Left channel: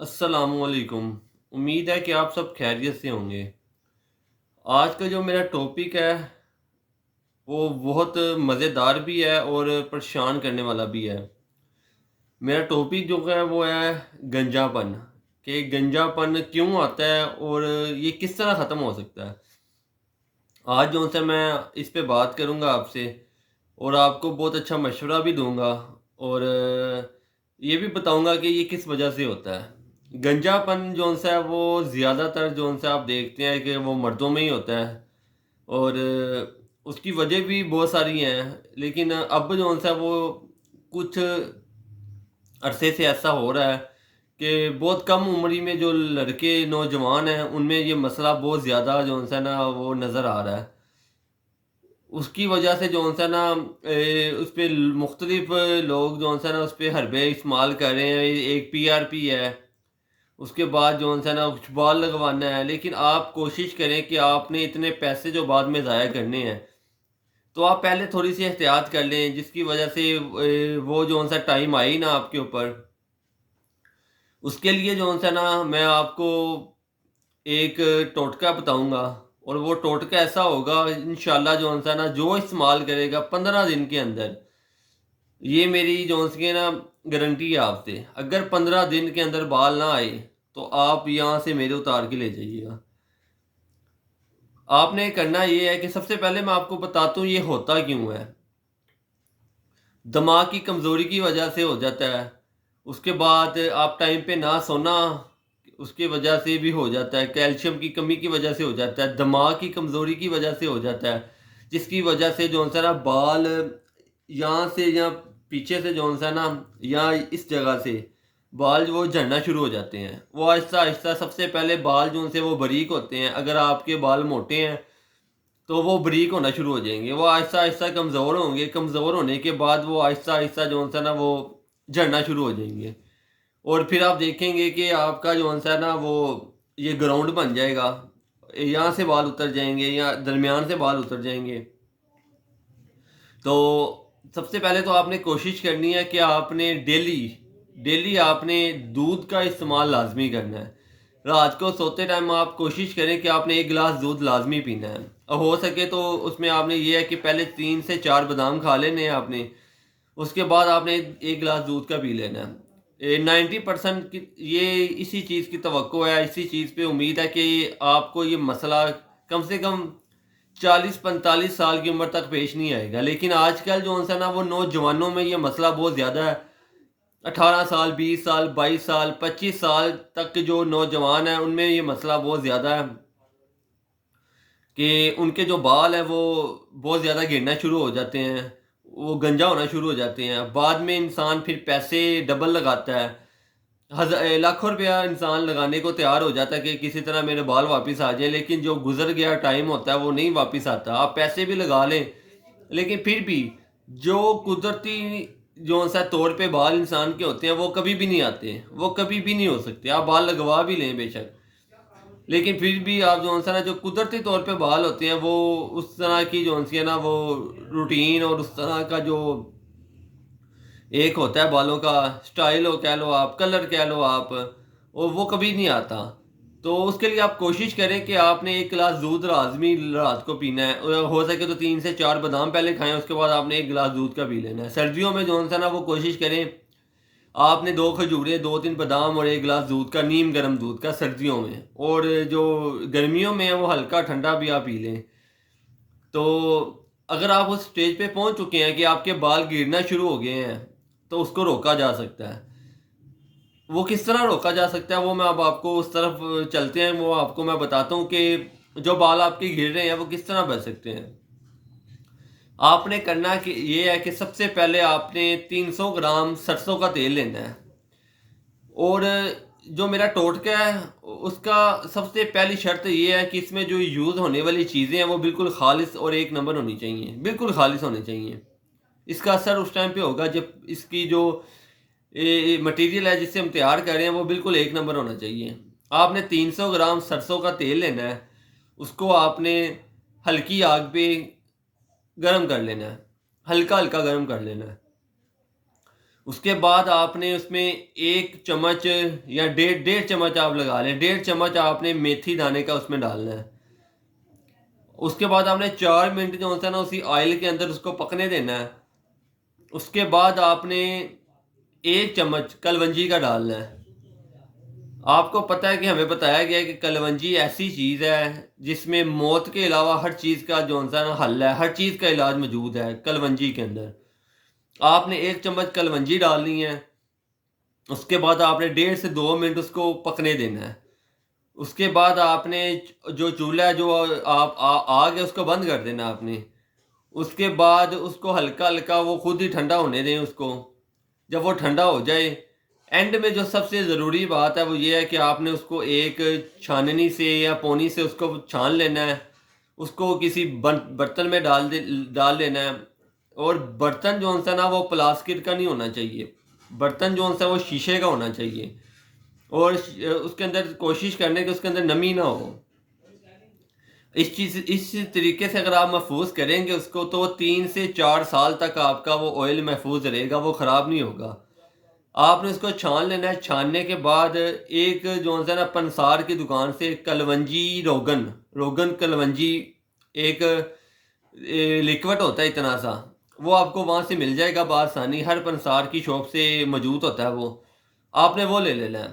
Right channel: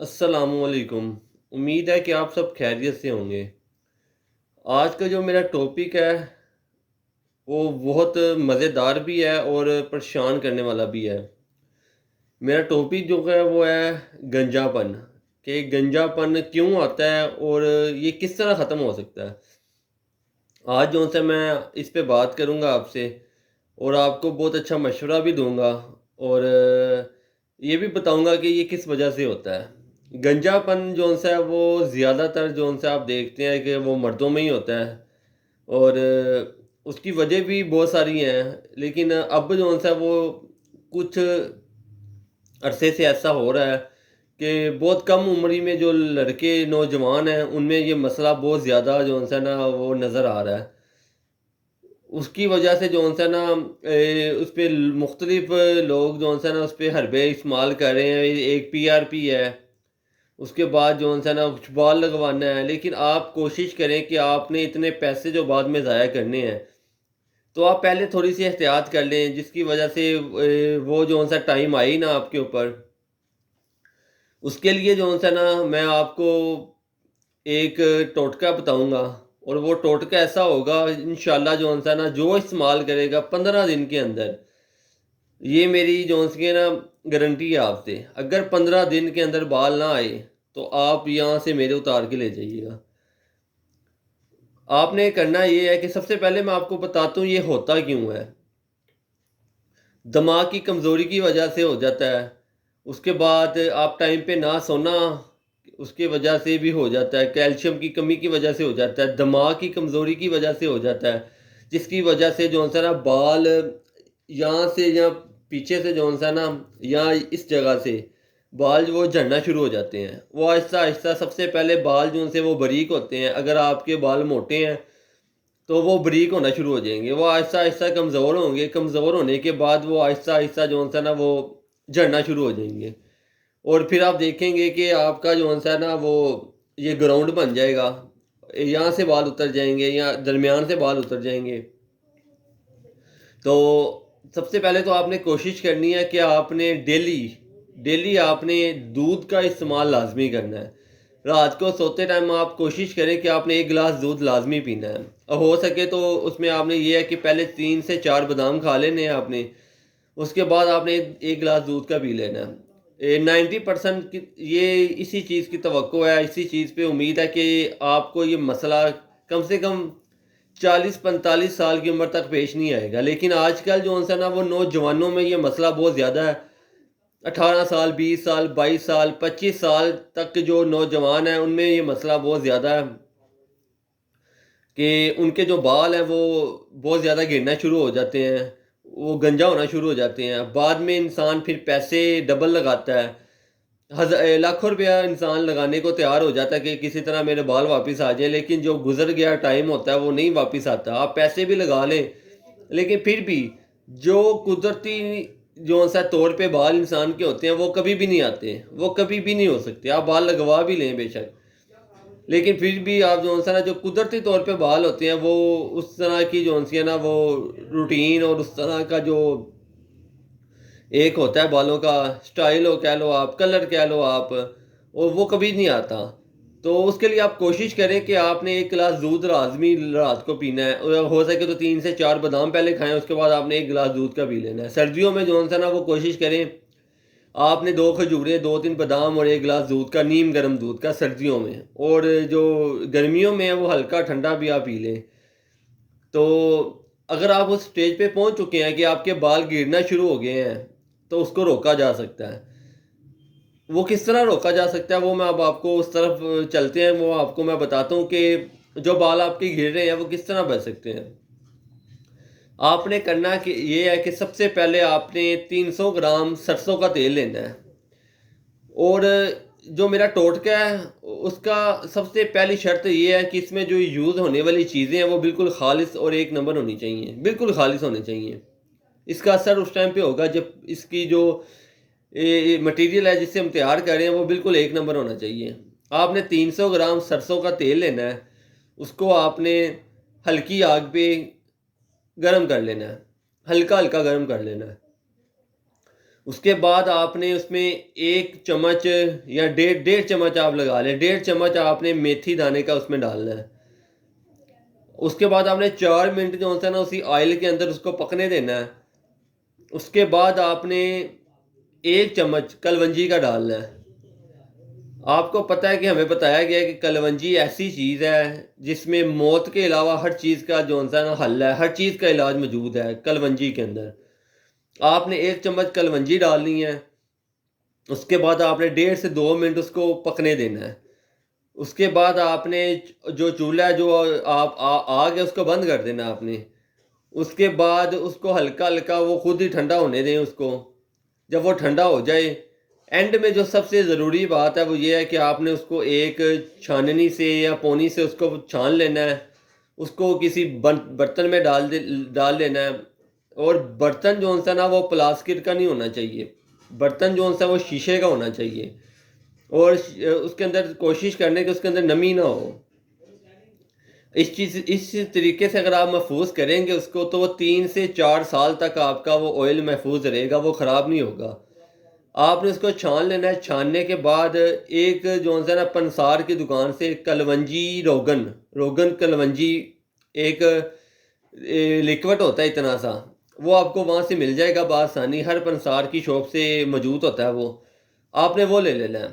अस्सलाम वालेकुम। उम्मीद है कि आप सब खैरियत से होंगे। आज का जो मेरा टॉपिक है वो बहुत मज़ेदार भी है और परेशान करने वाला भी है। मेरा टॉपिक जो है वो है गंजापन, कि गंजापन क्यों आता है और ये किस तरह ख़त्म हो सकता है। आज जो है मैं इस पे बात करूँगा आपसे और आपको बहुत अच्छा मशवरा भी दूँगा और ये भी बताऊँगा कि ये किस वजह से होता है। गंजापन जो-सा है वो ज़्यादातर जो-सा आप देखते हैं कि वो मर्दों में ही होता है और उसकी वजह भी बहुत सारी हैं। लेकिन अब जो-सा है वो कुछ अरसे से ऐसा हो रहा है कि बहुत कम उम्र ही में जो लड़के नौजवान हैं उनमें ये मसला बहुत ज़्यादा जो-सा ना वो नज़र आ रहा है। उसकी वजह से जो-सा ना उस पे मुख्तलिफ लोग जो-सा ना उस पे हरबे इस्तेमाल कर रहे हैं। एक पीआरपी है, उसके बाद जो-सा ना कुछ बाल लगवाना है। लेकिन आप कोशिश करें कि आपने इतने पैसे जो बाद में ज़ाया करने हैं, तो आप पहले थोड़ी-सी एहतियात कर लें जिसकी वजह से वो जो-सा टाइम आए ही ना आपके ऊपर। उसके लिए जो-सा ना मैं आपको एक टोटका बताऊँगा और वो टोटका ऐसा होगा इंशाल्लाह जो-सा ना जो इस्तेमाल करेगा 15 दिन के अंदर, ये मेरी जो-सी है ना गारंटी है आपसे। अगर 15 दिन के अंदर बाल ना आए, तो आप यहाँ से मेरे उतार के ले जाइएगा। आपने करना ये है कि सबसे पहले मैं आपको बताता हूँ ये होता क्यों है। दिमाग की कमज़ोरी की वजह से हो जाता है। उसके बाद आप टाइम पे ना सोना, उसकी वजह से भी हो जाता है। कैल्शियम की कमी की वजह से हो जाता है। दिमाग की कमज़ोरी की वजह से हो जाता है। जिसकी वजह से जो-सा ना बाल यहाँ से या पीछे से जो-सा ना या इस जगह से बाल वो झड़ना शुरू हो जाते हैं। वो आहिस्ता-आहिस्ता सबसे पहले बाल जो उनसे वो बारीक होते हैं। अगर आपके बाल मोटे हैं तो वो बारीक होना शुरू हो जाएँगे। वो आहिस्ता-आहिस्ता कमज़ोर होंगे, कमज़ोर होने के बाद वो आहिस्ता-आहिस्ता जो-सा ना वो झड़ना शुरू हो जाएँगे। और फिर आप देखेंगे कि आपका जो-सा ना वो ये ग्राउंड बन जाएगा। यहाँ से बाल उतर जाएँगे या दरमियान से बाल उतर जाएँगे। तो सबसे पहले तो आपने कोशिश करनी है कि आपने डेली आपने दूध का इस्तेमाल लाज़मी करना है। रात को सोते टाइम आप कोशिश करें कि आपने 1 गिलास दूध लाज़मी पीना है। और हो सके तो उसमें आपने ये है कि पहले 3 से 4 बादाम खा लेने हैं आपने, उसके बाद आपने 1 गिलास दूध का पी लेना है। 90% की ये इसी चीज़ की तवक्को है, इसी चीज़ पे उम्मीद है कि आपको ये मसला कम से कम 40-45 साल की उम्र तक पेश नहीं आएगा। लेकिन आजकल जो है ना वो नौजवानों में ये मसला बहुत ज़्यादा है। 18 साल, 20 साल, 22 साल, 25 साल तक के जो नौजवान हैं उनमें ये मसला बहुत ज़्यादा है कि उनके जो बाल हैं वो बहुत ज़्यादा गिरना शुरू हो जाते हैं। वो गंजा होना शुरू हो जाते हैं। बाद में इंसान फिर पैसे डबल लगाता है। लाखों रुपया इंसान लगाने को तैयार हो जाता है कि किसी तरह मेरे बाल वापस आ जाएँ, लेकिन जो गुज़र गया टाइम होता है वो नहीं वापस आता। आप पैसे भी लगा लें, लेकिन फिर भी जो कुदरती जो-सा तौर पे बाल इंसान के होते हैं वो कभी भी नहीं आते, वो कभी भी नहीं हो सकते। आप बाल लगवा भी लें बेशक, लेकिन फिर भी आप जो-सा ना जो कुदरती तौर पे बाल होते हैं वो उस तरह की जो-सी है ना वो रूटीन और उस तरह का जो एक होता है बालों का स्टाइल हो कह लो आप, कलर कह लो आप, और वो कभी नहीं आता। तो उसके लिए आप कोशिश करें कि आपने 1 गिलास दूध लाज़मी रात को पीना है। हो सके तो 3 से 4 बादाम पहले खाएँ, उसके बाद आपने 1 गिलास दूध का पी लेना है। सर्दियों में जो-सा ना वो कोशिश करें, आपने 2 खजूरें, 2-3 बादाम और 1 गिलास दूध का, नीम गर्म दूध का सर्दियों में, और जो गर्मियों में है वो हल्का ठंडा भी आप पी लें। तो अगर आप उस स्टेज पे पहुँच चुके हैं कि आपके बाल गिरना शुरू हो गए हैं, तो उसको रोका जा सकता है। वो किस तरह रोका जा सकता है वो मैं अब आपको उस तरफ चलते हैं, वो आपको मैं बताता हूँ कि जो बाल आपके गिर रहे हैं वो किस तरह बच सकते हैं। आपने करना कि ये है कि सबसे पहले आपने 300 ग्राम सरसों का तेल लेना है और जो मेरा टोटका है उसका सबसे पहली शर्त ये है कि इसमें जो यूज़ होने वाली चीज़ें हैं वो बिल्कुल खालिस और एक नंबर होनी चाहिए, बिल्कुल खालिस होनी चाहिए। इसका असर उस टाइम पे होगा जब इसकी जो मटेरियल है जिससे हम तैयार कर रहे हैं वो बिल्कुल एक नंबर होना चाहिए। आपने 300 ग्राम सरसों का तेल लेना है, उसको आपने हल्की आग पे गरम कर लेना है, हल्का-हल्का गरम कर लेना है। اس کے بعد آپ نے اس میں 1 چمچ یا 1.5 چمچ آپ لگا لیں، 1.5 چمچ آپ نے میتھی دانے کا اس میں ڈالنا ہے۔ اس کے بعد آپ نے 4 منٹ جو ہوتا ہے نا اسی آئل کے اندر اس کو پکنے دینا ہے۔ اس کے بعد آپ نے 1 چمچ کلونجی کا ڈالنا ہے۔ آپ کو پتہ ہے کہ ہمیں بتایا گیا ہے کہ کلونجی ایسی چیز ہے جس میں موت کے علاوہ ہر چیز کا جو ہوتا ہے نا حل ہے، ہر چیز کا علاج موجود ہے کلونجی کے اندر۔ آپ نے 1 چمچ کلونجی ڈالنی ہے۔ اس کے بعد آپ نے 1.5 سے 2 منٹ اس کو پکنے دینا ہے۔ اس کے بعد آپ نے جو چولہا جو آپ آگ ہے اس کو بند کر دینا آپ نے۔ اس کے بعد اس کو ہلکا ہلکا وہ خود ہی ٹھنڈا ہونے دیں اس کو۔ جب وہ ٹھنڈا ہو جائے، اینڈ میں جو سب سے ضروری بات ہے وہ یہ ہے کہ آپ نے اس کو ایک چھاننی سے یا پونی سے اس کو چھان لینا ہے، اس کو کسی برتن میں ڈال دینا ہے۔ اور برتن جو ہوتا ہے نا وہ پلاسٹک کا نہیں ہونا چاہیے، برتن جو ہوتا ہے وہ شیشے کا ہونا چاہیے، اور اس کے اندر کوشش کرنے کہ اس کے اندر نمی نہ ہو۔ اس طریقے سے اگر آپ محفوظ کریں گے اس کو تو 3 سے 4 سال تک آپ کا وہ آئل محفوظ رہے گا، وہ خراب نہیں ہوگا۔ آپ نے اس کو چھان لینا ہے۔ چھاننے کے بعد ایک جو ہے نا پنسار کی دکان سے کلونجی روگن کلونجی ایک لیکوڈ ہوتا ہے اتنا سا، وہ آپ کو وہاں سے مل جائے گا بآسانی، ہر پنسار کی شاپ سے موجود ہوتا ہے وہ، آپ نے وہ لے لینا ہے۔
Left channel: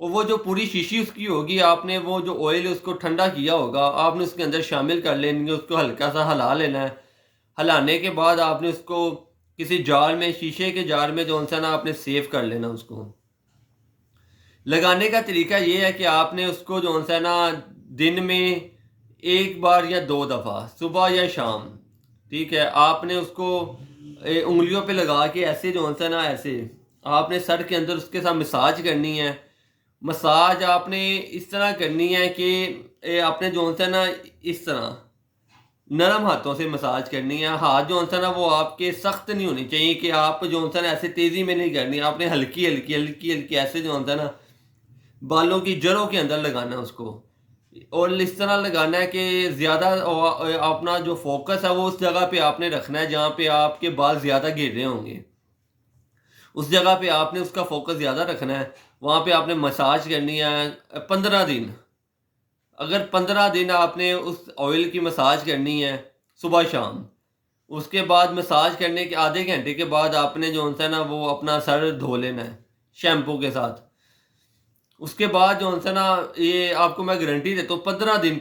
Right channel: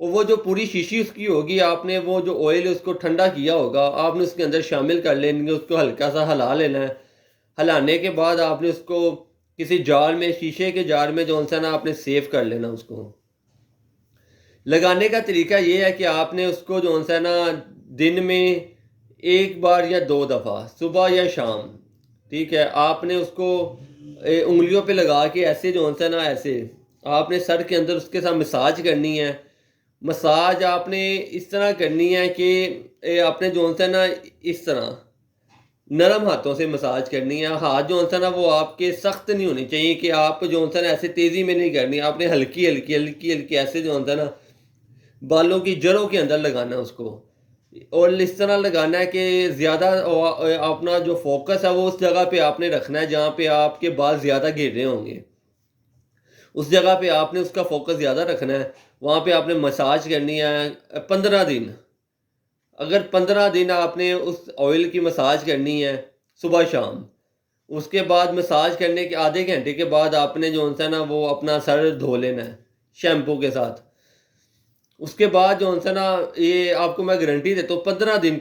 اور وہ جو پوری شیشی اس کی ہوگی، آپ نے وہ جو آئل اس کو ٹھنڈا کیا ہوگا آپ نے اس کے اندر شامل کر لیں گے، اس کو ہلکا سا ہلا لینا ہے۔ ہلانے کے بعد آپ نے اس کو کسی جار میں، شیشے کے جار میں جو ہے نا آپ نے سیو کر لینا اس کو۔ لگانے کا طریقہ یہ ہے کہ آپ نے اس کو جو ہے نا دن میں 1 بار یا 2 دفعہ، صبح یا شام، ٹھیک ہے، آپ نے اس کو انگلیوں پہ لگا کے ایسے جو ہے نا ایسے آپ نے سر کے اندر اس کے ساتھ مساج کرنی ہے۔ مساج آپ نے اس طرح کرنی ہے کہ آپ نے جو ہے نا اس طرح نرم ہاتھوں سے مساج کرنی ہے۔ ہاتھ جو ہے نا وہ آپ کے سخت نہیں ہونی چاہیے کہ آپ جو ہے نا ایسے تیزی میں نہیں کرنی، آپ نے ہلکی ہلکی ہلکی ہلکی ایسے جو ہے نا بالوں کی جڑوں کے اندر لگانا ہے اس کو، اور اس طرح لگانا ہے کہ زیادہ اپنا جو فوکس ہے وہ اس جگہ پہ آپ نے رکھنا ہے جہاں پہ آپ کے بال زیادہ گر رہے ہوں گے، اس جگہ پہ آپ نے اس کا فوکس زیادہ رکھنا ہے، وہاں پہ آپ نے مساج کرنی ہے 15 دن۔ اگر 15 دن آپ نے اس آئل کی مساج کرنی ہے صبح شام، اس کے بعد مساج کرنے کے آدھے گھنٹے کے بعد آپ نے جو ہے نا وہ اپنا سر دھو لینا ہے شیمپو کے ساتھ۔ اس کے بعد جو ہے نا یہ آپ کو میں گارنٹی دیتا ہوں 15 دن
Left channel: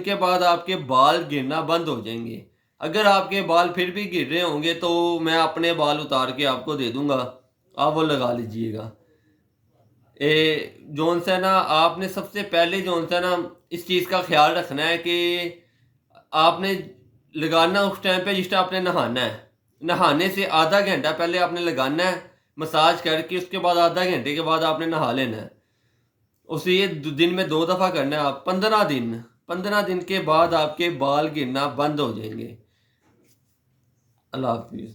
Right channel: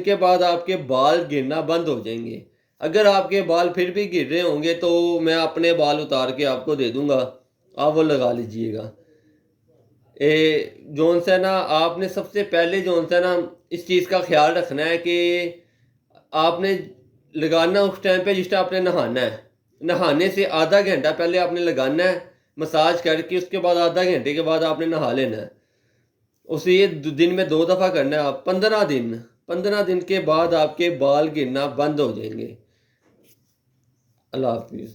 کے بعد آپ کے بال گرنا بند ہو جائیں گے۔ اگر آپ کے بال پھر بھی گر رہے ہوں گے تو میں اپنے بال اتار کے آپ کو دے دوں گا، آپ وہ لگا لیجئے گا۔ جو ہے نا آپ نے سب سے پہلے جو ہے نا اس چیز کا خیال رکھنا ہے کہ آپ نے لگانا اس ٹائم پہ جس ٹائم آپ نے نہانا ہے، نہانے سے آدھا گھنٹہ پہلے آپ نے لگانا ہے مساج کر کے، اس کے بعد آدھا گھنٹے کے بعد آپ نے نہا لینا ہے۔ اسے یہ دن میں 2 دفعہ کرنا ہے آپ 15 دن کے بعد آپ کے بال گرنا بند ہو جائیں گے۔ اللہ حافظ۔